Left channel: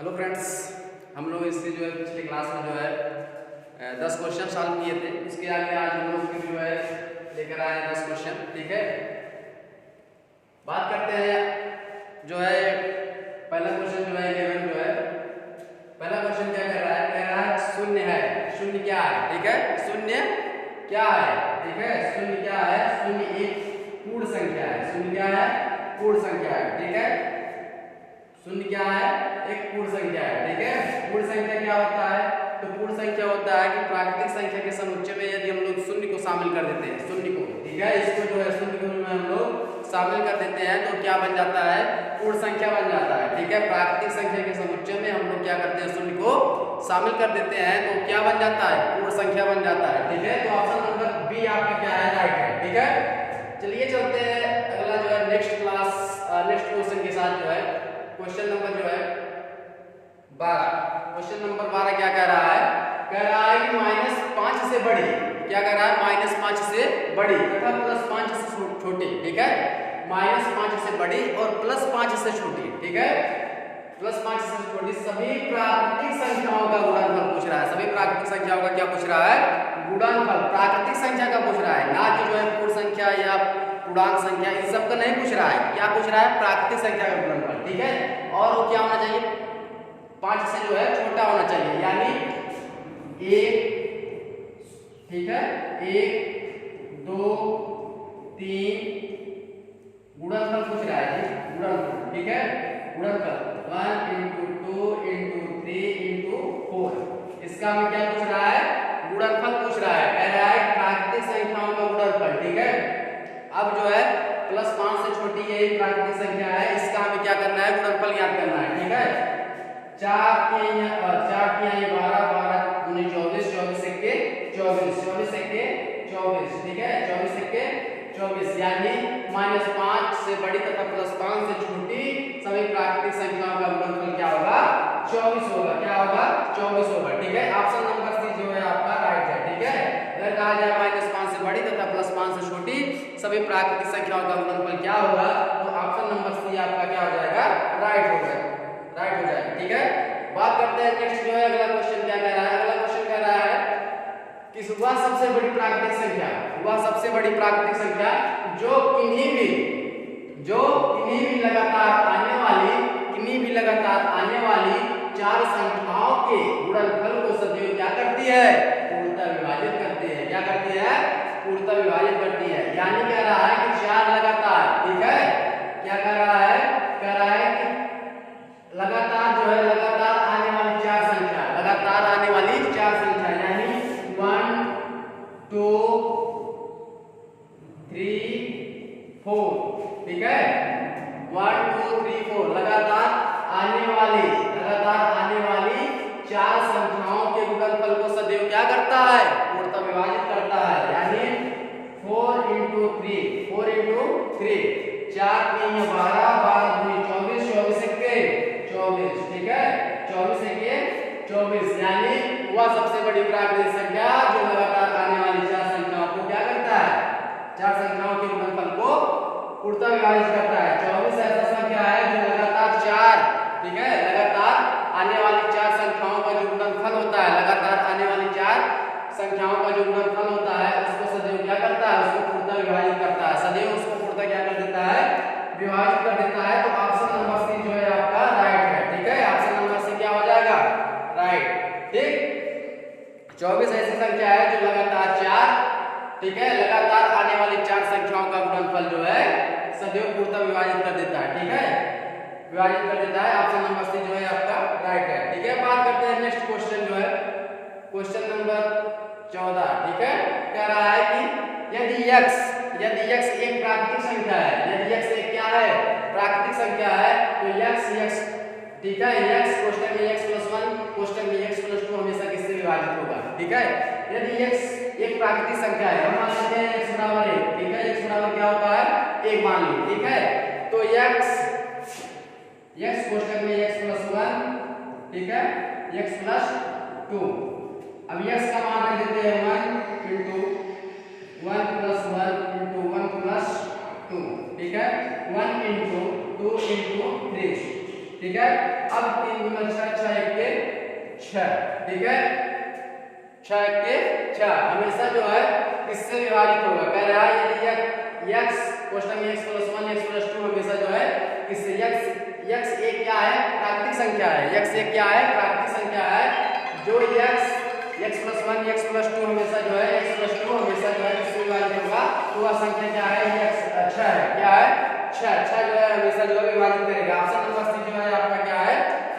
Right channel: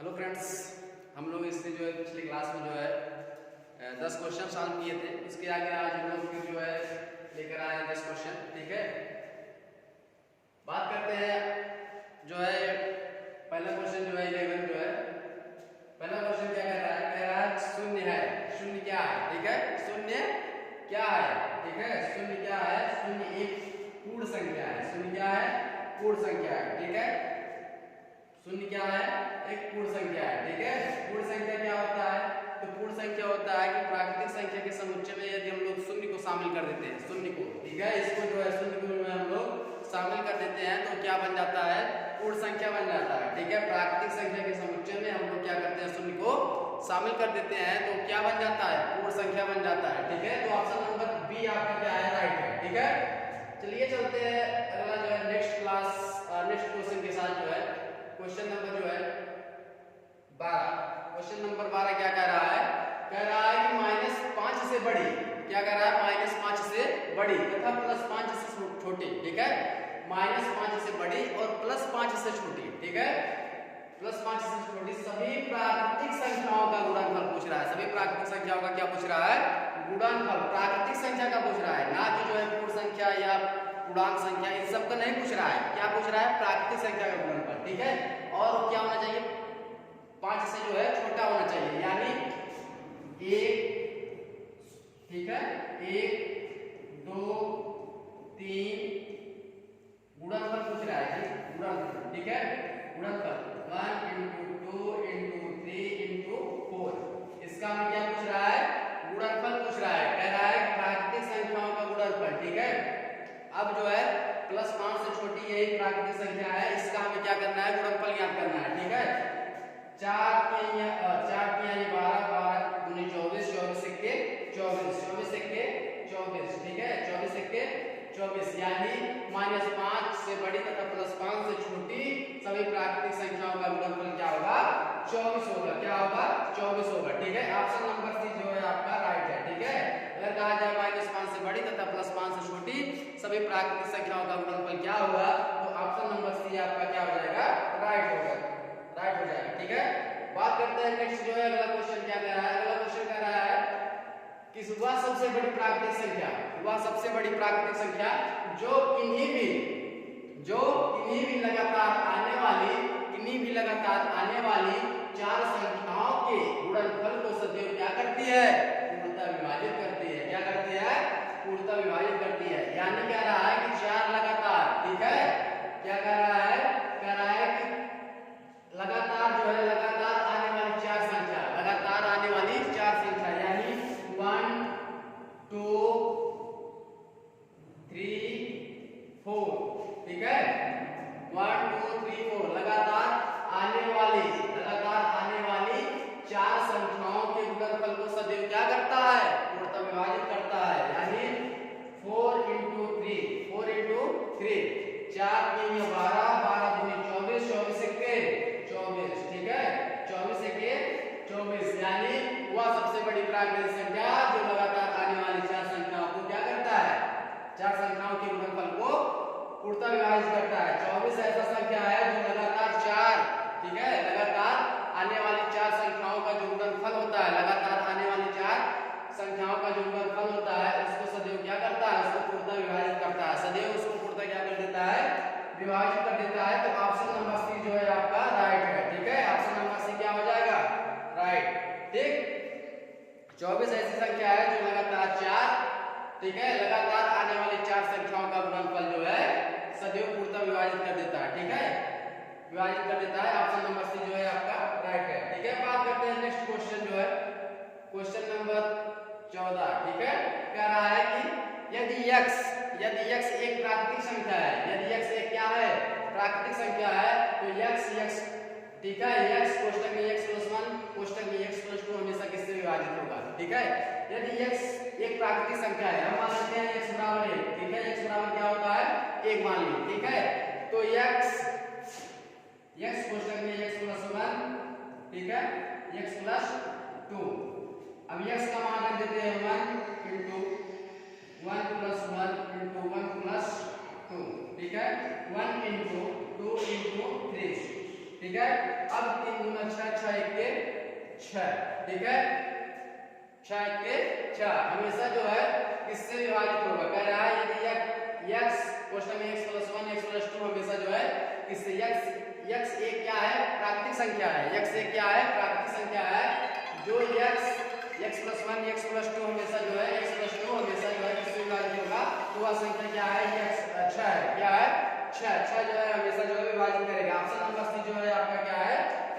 Hello friends, हम लोग इससे जो है पिछले क्लास में जो है 10 क्वेश्चन सॉल्व किए थे। उसके आगे आज हम लोग फिर जो है लेकर आए 10 क्वेश्चन। ठीक है, बात करते हैं जो है पहला क्वेश्चन जो है 11 जो है पहला क्वेश्चन क्या कह रहा है शून्य है। शून्य क्या है? ठीक है, शून्य क्या है? ठीक है, शून्य क्या है? शून्य एक पूर्ण संख्या है। शून्य क्या है? पूर्ण संख्या है। ठीक है, शून्य क्या है? एक पूर्ण संख्या है। ठीक है, पूर्ण संख्या क्या होता है? तो पूर्ण संख्या होता है कि प्राकृतिक संख्या के समुच्चय में यदि हम लोग शून्य को शामिल कर देते हैं, शून्य को, ठीक है, इसको जो है शून्य को हम लोग शामिल कर देते हैं तो क्या बन जाता है? पूर्ण संख्या बन जाता है। ठीक है, प्राकृतिक संख्या के समुच्चय में हम लोग क्या करते हैं? शून्य को शामिल कर देते हैं तो क्या बन जाता है? पूर्ण संख्या बन जाता है। ठीक है, तो ऑप्शन नंबर बी आपका क्या है? राइट है। ठीक है, चलिए चलते हैं अगला जो है नेक्स्ट क्वेश्चन के साथ जो है क्वेश्चन नंबर जो है 12। क्वेश्चन नंबर 12 क्या कह रहा है? कह रहा है कि -5 से बड़ी, क्या कह रहा है? -5 से बड़ी तथा +5 से छोटी। ठीक है, -5 से बड़ी और +5 से छोटी। ठीक है, +5 से छोटी सभी प्राकृतिक संख्याओं का गुणनफल पूछ रहा है। सभी प्राकृतिक संख्याओं का क्या पूछ रहा है? गुणनफल, प्राकृतिक संख्या का पूछ रहा है, ना कि जो है पूर्ण संख्या या पूर्णांक संख्या, इन सब का नहीं पूछ रहा है। क्या पूछ रहा है? प्राकृतिक संख्या का गुणनफल। ठीक है, और वो क्या होना चाहिए? 5 से जो है छोटा होना चाहिए, यानी 1, ठीक है, 1, 2, 3 गुणनफल पूछ रहा है जी, गुणनफल। ठीक है, गुणनफल 1 × 2 × 3 × 4। इसका हमें क्या पूछ रहा है? गुणनफल पूछ रहा है। कह रहा है प्राकृतिक संख्याओं का गुणनफल। ठीक है, अब जो है +5 से छोटी यही प्राकृतिक संख्या है, इसका हमें क्या करना है? गुणनफल ज्ञात करना है। ठीक है, 4 तिहाई 12, 12 दूनी 24, 24 एक्के 24, 24 एक्के 24। ठीक है, 24 एक्के 24, यानी -5 से बड़ी तथा +5 से छोटी सभी प्राकृतिक संख्याओं का गुणनफल क्या होगा? 24 होगा। क्या होगा? 24 होगा। ठीक है, ऑप्शन नंबर सी जो है आपका राइट है। ठीक है, अगर कहा जाए -5 से बड़ी तथा +5 से छोटी सभी प्राकृतिक संख्याओं का गुणनफल क्या होगा, तो ऑप्शन नंबर सी आपका क्या हो जाएगा? राइट हो जाएगा। ठीक है, बात करते हैं नेक्स्ट जो है अगला क्वेश्चन क्या कह रहा है? अगला क्वेश्चन कह रहा है कि वह सबसे बड़ी प्राकृतिक संख्या, वह सबसे बड़ी प्राकृतिक संख्या जो किन्हीं भी लगातार आने वाली 4 संख्याओं के गुणनफल को सदैव क्या करती है? पूर्णतः विभाजित करती है। क्या करती है? पूर्णतः विभाजित करती है। यानी कह रहा है कि 4 लगातार, ठीक है, क्या कह रहा है? कह रहा है कि लगातार जो है लगातार आने वाली 4 संख्या, लगातार आने वाली 4 संख्या, यानी 1, 2, 3, 4। ठीक है, 1, 2, 3, 4 लगातार आने वाली 4 संख्याओं के गुणनफल को सदैव क्या करता है? पूर्णतः विभाजित करता है। यानी 4 × 3, 4 3 12, 12 दूनी 24, 24 एक्के 24। ठीक है, 24 एक्के 24, यानी वह सबसे बड़ी प्राकृतिक संख्या जो लगातार आने वाली 4 संख्याओं को क्या करता है? 4 संख्याओं के गुणनफल को पूर्णतः विभाजित करता है। 24 ऐसा संख्या है जो लगातार 4, ठीक है, लगातार आने वाली 4 संख्याओं का जो गुणनफल होता है, लगातार आने वाली 4 संख्याओं का जो गुणनफल होता है उसको सदैव क्या करता है? उसको पूर्णतः विभाजित करता है। सदैव उसको पूर्णतः क्या कर देता है? विभाजित कर देता है। तो ऑप्शन नंबर सी जो है आपका राइट है। ठीक है, ऑप्शन नंबर सी क्या हो जाएगा? राइट। ठीक, 24 ऐसी संख्या है जो लगातार 4, ठीक है, लगातार आने वाली 4 संख्याओं का गुणनफल जो है सदैव पूर्णतः विभाजित कर देता है। ठीक है, विभाजित कर देता है। ऑप्शन नंबर सी जो है आपका राइट है। ठीक है, बात करते हैं नेक्स्ट क्वेश्चन जो है क्वेश्चन नंबर 14। ठीक है, कह रहा है कि यदि x एक प्राकृतिक संख्या है, यदि x एक क्या है? प्राकृतिक संख्या है, तो x, ठीक है, x क्वेश्चन में x+1, क्वेश्चन में x+2 हमेशा किससे विभाजित होगा? ठीक है, यदि x एक प्राकृतिक संख्या है, हम मान लेते हैं x बराबर 1। ठीक है, x बराबर क्या होता है? 1 मान ली। ठीक है, तो x क्वेश्चन में x+1, ठीक है, x+2। अब x का मान रख देते हैं 1 × 1 + 1 × 1 + 2। ठीक है, 1 × 2 × 3, ठीक है। अब 3 गुना 6, 6 एक के 6, ठीक है। 6 एक के 6 हमेशा जो है किससे विभाजित होगा, कह रहा है यदि x क्वेश्चन में x + 1 x + 2 हमेशा जो है किससे x एक क्या है, प्राकृतिक संख्या है। x एक क्या है, प्राकृतिक संख्या है। जो x + 1 x + 2 हमेशा जो है x + 2 हमेशा जो है किससे विभाजित होगा, तो वह संख्या क्या है, x 6 है। क्या है, 6 जो है हमेशा जो है विभाजित करेगा। ऑप्शन नंबर सी जो है आपका क्या है,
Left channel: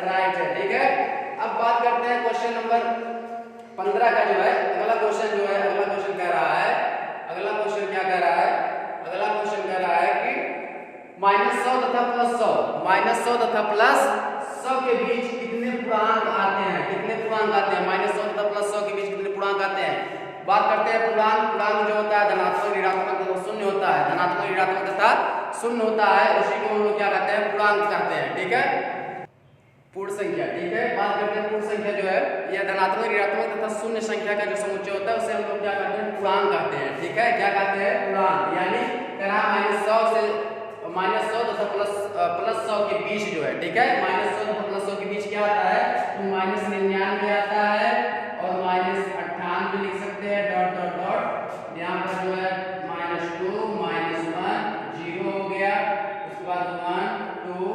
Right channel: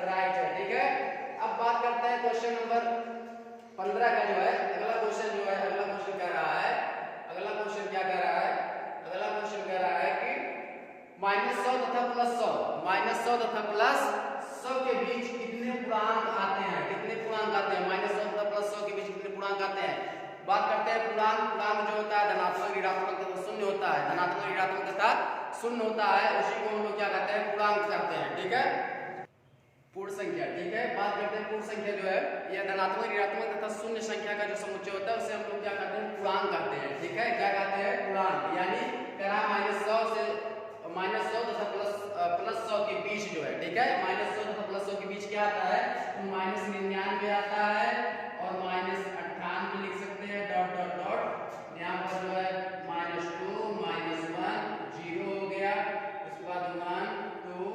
राइट है, ठीक है। अब बात करते हैं क्वेश्चन नंबर 15 का जो है अगला क्वेश्चन जो है, अगला क्वेश्चन कह रहा है, अगला क्वेश्चन क्या कह रहा है, अगला क्वेश्चन कह रहा है कि -100 तथा +100, -100 तथा +100 के बीच कितने पूर्णांक आते हैं, कितने पूर्णांक आते हैं, -100 तथा +100 के बीच कितने पूर्णांक आते हैं। बात करते हैं पूर्णांक जो होता है धनात्मक, ऋणात्मक तथा शून्य होता है, धनात्मक, ऋणात्मक तथा शून्य होता है, उसी को हम लोग क्या कहते हैं, पूर्णांक कहते हैं, ठीक है, पूर्ण संख्या, ठीक है। बात करते हैं पूर्ण संख्या जो है यह धनात्मक, ऋणात्मक तथा शून्य संख्या का जो समुच्चय होता है उसे हम लोग क्या कहते हैं, पूर्णांक कहते हैं, ठीक है। क्या कहते हैं, पूर्णांक। यानी कह -100 तथा +100 के बीच जो है, ठीक है, -100 तथा +100 के बीच क्या आता है, तो -99 आता है और -98 लिख सकते हैं, डॉट डॉट डॉट, यहाँ पर जो है -2 -1 0 हो गया, उसके बाद 1 2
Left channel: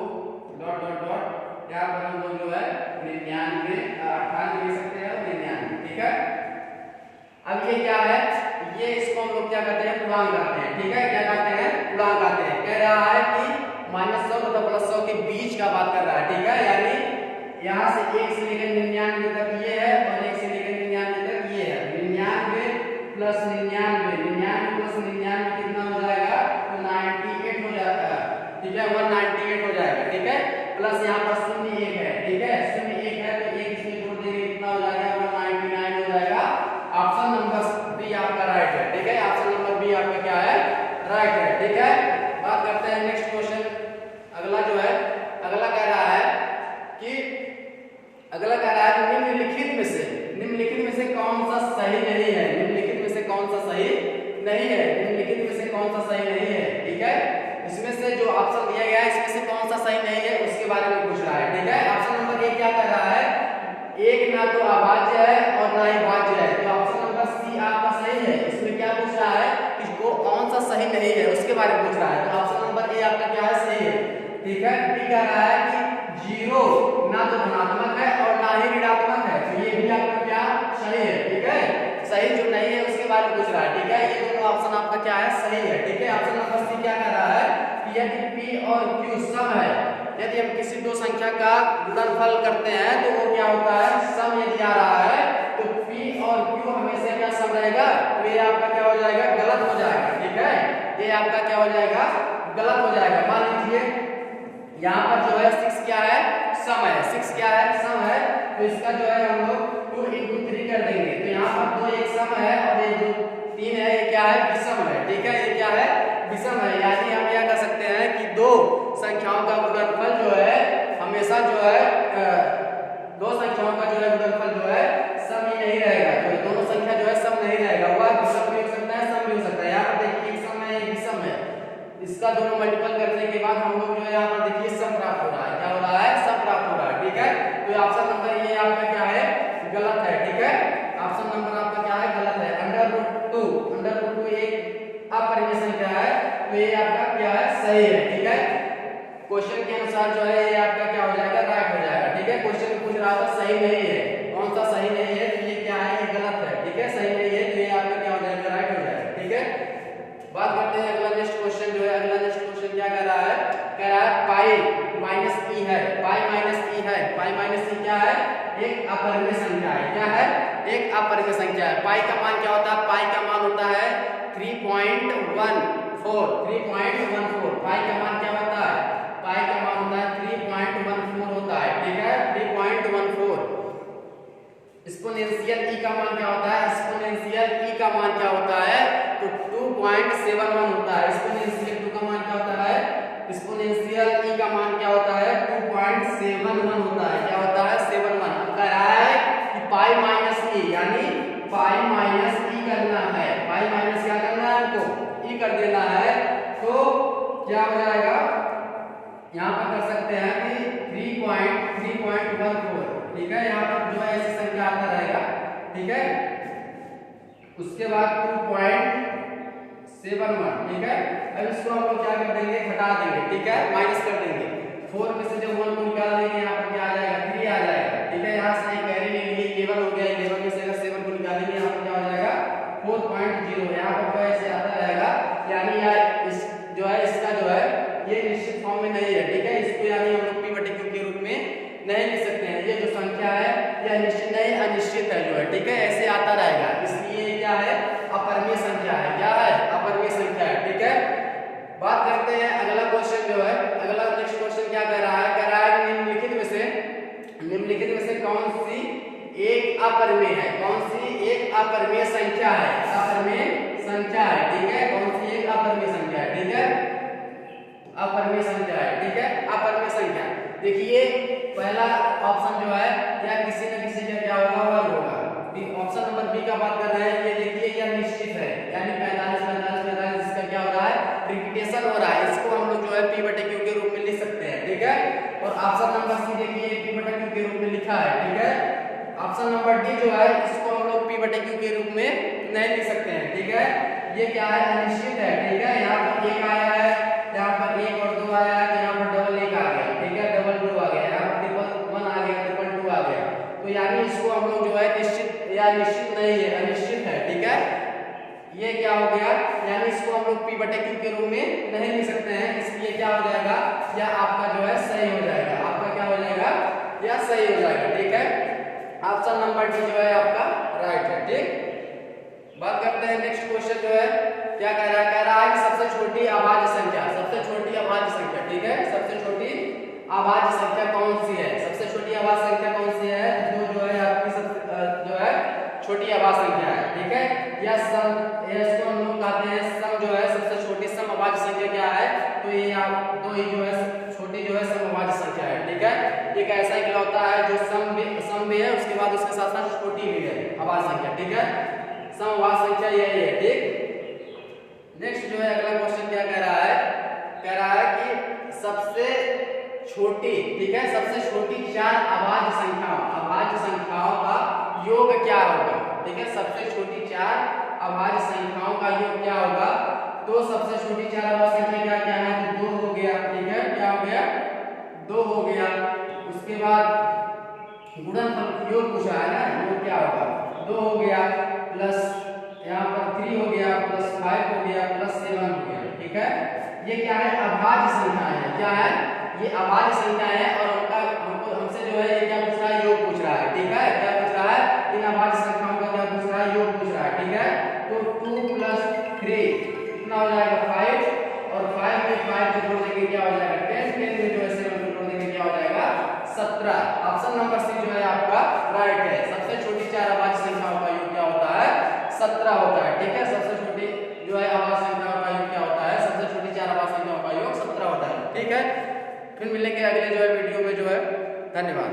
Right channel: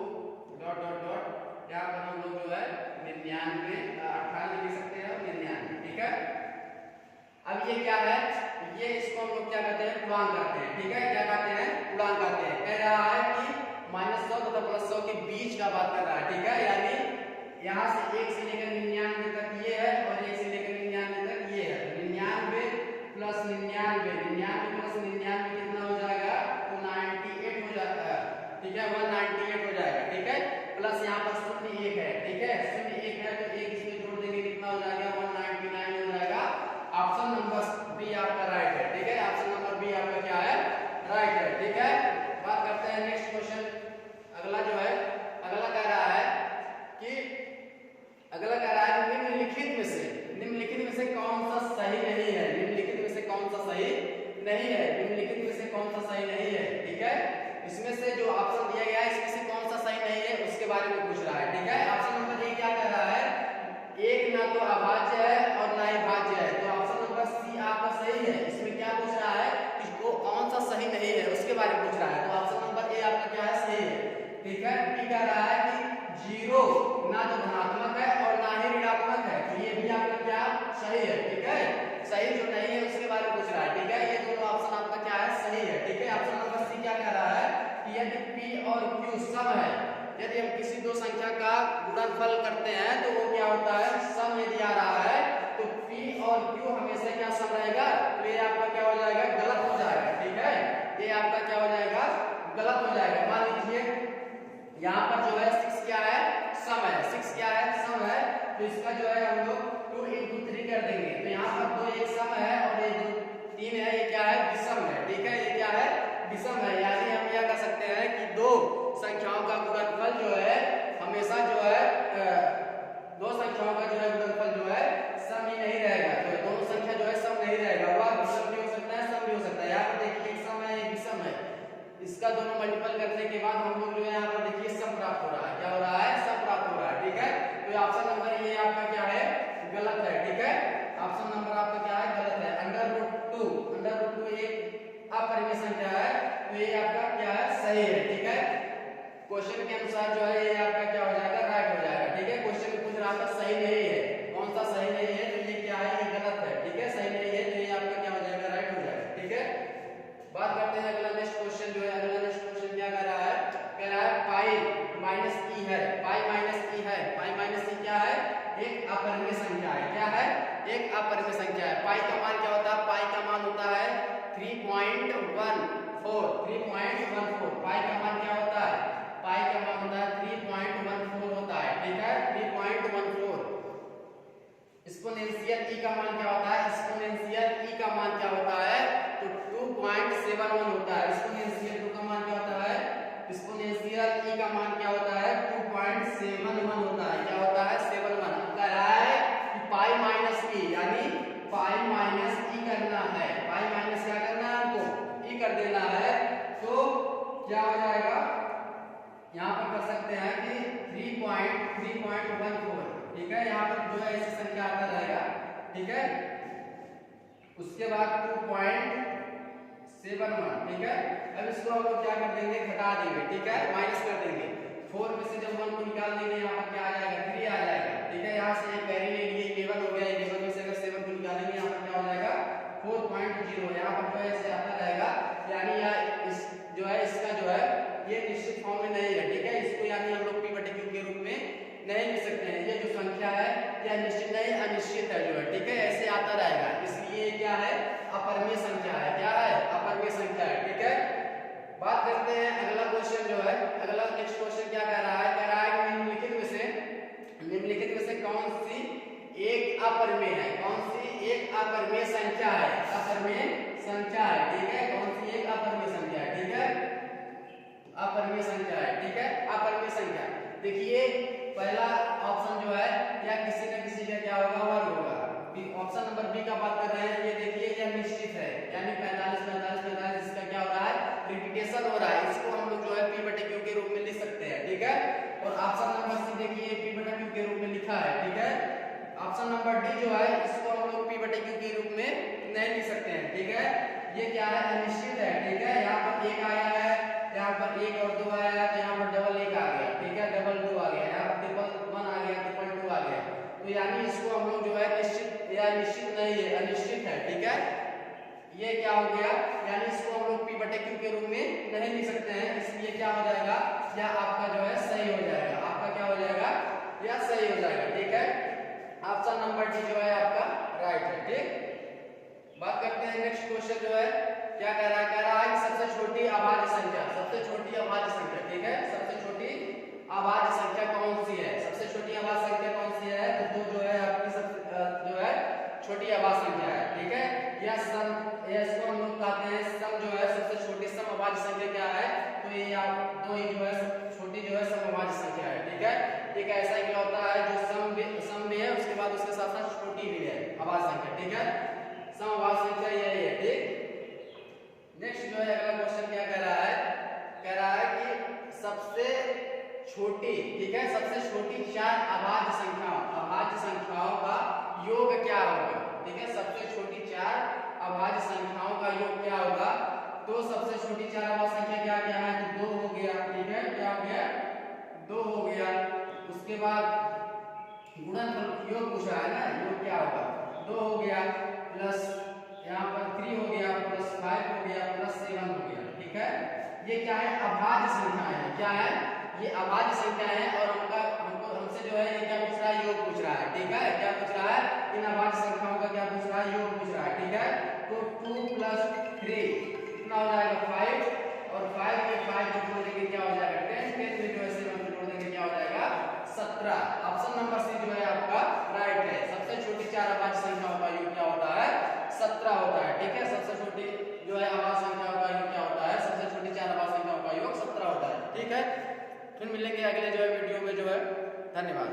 डॉट डॉट डॉट, यहाँ पर हम लोग जो है 99 98 लिख सकते हैं और 99, ठीक है। अब ये क्या है, ये इसको हम लोग क्या कहते हैं, पूर्णांक कहते हैं, ठीक है। क्या कहते हैं, पूर्णांक कहते हैं। कह रहा है कि -100 तथा +100 के बीच का बात कर रहा है, ठीक है। यानी यहाँ से 1 से लेकर 99 तक ये है और 1 से लेकर 99 तक ये है। 99 + 99, 99 + 99 कितना हो जाएगा, तो 98 हो जाता है, ठीक है, 198 हो जाएगा, ठीक है। प्लस यहाँ पर 0 1 है, ठीक है, 0 1 है तो 1 इसमें जोड़ देंगे, कितना हो जाएगा, 199 हो जाएगा। ऑप्शन नंबर बी आपका राइट है, ठीक है। ऑप्शन नंबर बी आपका क्या है, राइट है, ठीक है। बात करते हैं नेक्स्ट क्वेश्चन, अगला जो है, अगला कह रहा है कि निम्नलिखित में से कौन सा सही नहीं है, निम्नलिखित में से कौन सा सही नहीं है, निम्नलिखित में से कौन सा सही नहीं है, ठीक है। इसमें से जो ऑप्शन दिया गया है इसमें से कौन सा सही नहीं है उसके बारे में पूछ रहा है, ठीक है। ऑप्शन नंबर ए क्या कर रहा है, एक ना तो अभाज्य है और ना ही भाज्य है, तो ऑप्शन नंबर सी आपका सही है। इसमें क्या पूछ रहा है कि वो कौन सा सही नहीं है उसके बारे में पूछ रहा है, तो ऑप्शन नंबर ए आपका क्या है, सही है, ठीक है। बी कह रहा है कि 0 ना तो धनात्मक है और ना ही ऋणात्मक है, तो ये भी आपका क्या सही है, ठीक है। सही जो नहीं है उसके बारे में पूछ रहा है, ठीक है। ये दोनों ऑप्शन आपका क्या है, सही है, ठीक है। ऑप्शन नंबर सी क्या कह रहा है कि यदि p और q सम है, यदि हम किसी दो संख्या का गुणनफल करते हैं तो वो क्या होता है, सम यदि आ रहा है तो p और q हमेशा क्या सम रहेगा, तो ये आपका क्या हो जाएगा, गलत हो जाएगा, ठीक है। ये आपका क्या हो जाएगा, गलत हो जाएगा। मान लीजिए यहाँ पर जो है 6 क्या है, सम है, 6 क्या है, सम है, तो इसका जो है हम लोग 2 × 3 कर देंगे, तो यहाँ पर 2 एक सम है और ये 3 है, ये क्या है, विषम है, ठीक है, ये क्या है, विषम है। यानी हम क्या कर सकते हैं कि दो संख्याओं का गुणनफल जो है हमेशा जो है दो संख्याओं का जो है गुणनफल जो है सम ही नहीं रहेगा, जो दोनों संख्या जो है सम नहीं रहेगा, वह विषम भी हो सकता है, सम भी हो सकता है। यहाँ पर देखिए एक सम है, एक विषम है, इसका दोनों मल्टीपल करने के बाद हम लोग जो है यहाँ पर देखिए सम प्राप्त हो रहा है, क्या हो रहा है, सम प्राप्त हो रहा है, ठीक है। तो ऑप्शन नंबर ये आपका क्या है, गलत है, ठीक है। ऑप्शन नंबर आपका क्या है, गलत है। √2 एक अपरिमेय संख्या है, तो ये आपका क्या है, सही है, ठीक है। क्वेश्चन के अनुसार जो है ये आपका क्या हो जाएगा, राइट हो जाएगा, ठीक है। क्वेश्चन में पूछ रहा था सही नहीं है, कौन सा सही नहीं है, तो ये क्या है, ये गलत है, ठीक है, सही नहीं है, तो ये आपका क्या हो जाएगा, राइट हो जाएगा, ठीक है। बात करते हैं अगला नेक्स्ट क्वेश्चन जो है, अगला नेक्स्ट क्वेश्चन क्या कर रहा है, कह रहा है पाई माइनस ई है, पाई माइनस ई है, पाई माइनस ई क्या है, एक अपरिमेय संख्या है, क्या है, एक अपरिमेय संख्या है। पाई का मान क्या होता है, पाई का मान होता है 3.14, 3.14। पाई का मान क्या होता है, पाई का मान होता है 3.14 होता है, ठीक है, 3.14। एक्सपोनेंशियल ई का मान क्या होता है, एक्सपोनेंशियल ई का मान क्या होता है, तो 2.71 होता है। एक्सपोनेंशियल 2 का मान क्या होता है, एक्सपोनेंशियल ई का मान क्या होता है, 2.71 होता है, क्या होता है, 71। अब कह रहा है कि पाई माइनस ई, यानी पाई माइनस ई करना है, पाई माइनस क्या करना है हमको, ई कर देना है, तो क्या हो जाएगा, यहाँ पर कर सकते हैं कि 3.14, ठीक है। यहाँ पर जो है ऐसी संख्या आता रहेगा, ठीक है। उसके बाद 2.71, ठीक है। अब इसको हम लोग क्या कर देंगे, घटा देंगे, ठीक है, माइनस कर देंगे। 4 में से जब 1 को निकाल देंगे यहाँ पर क्या आ जाएगा, 3 आ जाएगा, ठीक है। यहाँ से एक कैरी ले लिए, 11 हो गया, 11 में से अगर 7 को निकालेंगे यहाँ पर क्या हो जाएगा 4.0। यहाँ पर जो है ऐसे आता रहेगा, यानी यार इस जो है इसका जो है ये निश्चित फॉर्म में नहीं है, ठीक है। इसको यानी हम लोग p/q के रूप में नहीं लिख सकते हैं। ये जो संख्या है यह निश्चित नहीं अनिश्चित है जो है, ठीक है, ऐसे आता रहेगा। इसलिए क्या है, अपरिमेय संख्या है। क्या है, अपरिमेय संख्या है, ठीक है। बात करते हैं अगला क्वेश्चन जो है, अगला नेक्स्ट क्वेश्चन क्या कह रहा है, कह रहा है निम्नलिखित में से कौन सी एक अपरिमेय है, कौन सी एक अपरिमेय संख्या है, अपरिमेय संख्या है, ठीक है। कौन सी एक अपरिमेय संख्या है, ठीक है, अपरिमेय संख्या है, ठीक है, अपरिमेय संख्या। देखिए पहला ऑप्शन जो है या किसी न किसी का क्या होगा, वर्ग होगा। ऑप्शन नंबर बी का बात कर रहे हैं, ये देखिए यह निश्चित है, यानी 45 इसका क्या हो रहा है, रिपीटेशन हो रहा है। इसको हम लोग जो है p/q के रूप में लिख सकते हैं, ठीक है। और ऑप्शन नंबर सी देखिए p/q के रूप में लिखा है, ठीक है। ऑप्शन नंबर डी जो है इसको हम लोग p/q के रूप में नहीं लिख सकते हैं, ठीक है। ये क्या है, अनिश्चित है, ठीक है। यहाँ पर 1 आया है, यहाँ पर 1 और 2 आया है, तो यहाँ पर डबल 1 आ गया, ठीक है, डबल 2 आ गया, यहाँ पर ट्रिपल 1 आ गया, ट्रिपल 2 आ गया। तो यानी इसको हम लोग जो है निश्चित या निश्चित नहीं है, अनिश्चित है, ठीक है। ये क्या हो गया, यानी इसको हम लोग p/q के रूप में नहीं लिख सकते हैं, इसलिए क्या हो जाएगा, या आपका जो है सही हो जाएगा, आपका क्या हो जाएगा, या सही हो जाएगा, ठीक है। ऑप्शन नंबर डी जो है आपका राइट है, ठीक। बात करते हैं नेक्स्ट क्वेश्चन जो है क्या कह रहा है, कह रहा है कि सबसे छोटी अभाज्य संख्या, सबसे छोटी अभाज्य संख्या, ठीक है। सबसे छोटी अभाज्य संख्या कौन सी है, सबसे छोटी अभाज्य संख्या कौन सी है, जो है आपकी जो है छोटी अभाज्य संख्या है, ठीक है। यह सम, इसको हम लोग कहते हैं सम, जो है सबसे छोटी सम अभाज्य संख्या क्या है, तो ये आप तो ये जो है छोटी जो है सम अभाज्य संख्या है, ठीक है। एक ऐसा इकलौता है जो सम भी है, उसके बाद उसके साथ साथ छोटी भी है अभाज्य संख्या, ठीक है। सम अभाज्य संख्या यही है, ठीक। नेक्स्ट जो है अगला क्वेश्चन क्या कह रहा है, कह रहा है कि सबसे छोटी, ठीक है, सबसे छोटी 4 अभाज्य संख्याओं का योग क्या होगा, ठीक है। सबसे छोटी 4 अभाज्य संख्याओं का योग क्या होगा, तो सबसे छोटी 4 अभाज्य संख्या क्या क्या है, तो 2 हो गया, ठीक है, क्या हो गया, 2 हो गया। उसके बाद गुणनफल योग पूछा है ना, योग क्या होगा, 2 हो गया, प्लस यहाँ पर 3 हो गया, प्लस 5 हो गया, प्लस 7 हो गया, ठीक है। ये क्या है, अभाज्य संख्या है, क्या है, ये अभाज्य संख्या है। और हमसे जो है ये क्या पूछ रहा है, योग पूछ रहा है, ठीक है। क्या पूछ रहा है, इन अभाज्य संख्याओं का क्या पूछ रहा है, योग पूछ रहा है, ठीक है। तो 2 + 3 कितना हो जाएगा, 5, और 5 में 5 को जोड़ देंगे क्या हो जाएगा 10, 10 में जो है 7 को जोड़ देंगे क्या हो जाएगा 17। ऑप्शन नंबर सी जो है आपका राइट है। सबसे छोटी 4 अभाज्य संख्याओं का योग क्या होता है, 17 होता है, ठीक है। सबसे छोटी जो है अभाज्य संख्याओं का योग क्या होता है, सबसे छोटी 4 अभाज्य संख्याओं का योग 17 होता है, ठीक है। फिर मिलेंगे अगले जो है वीडियो में जो है, धन्यवाद।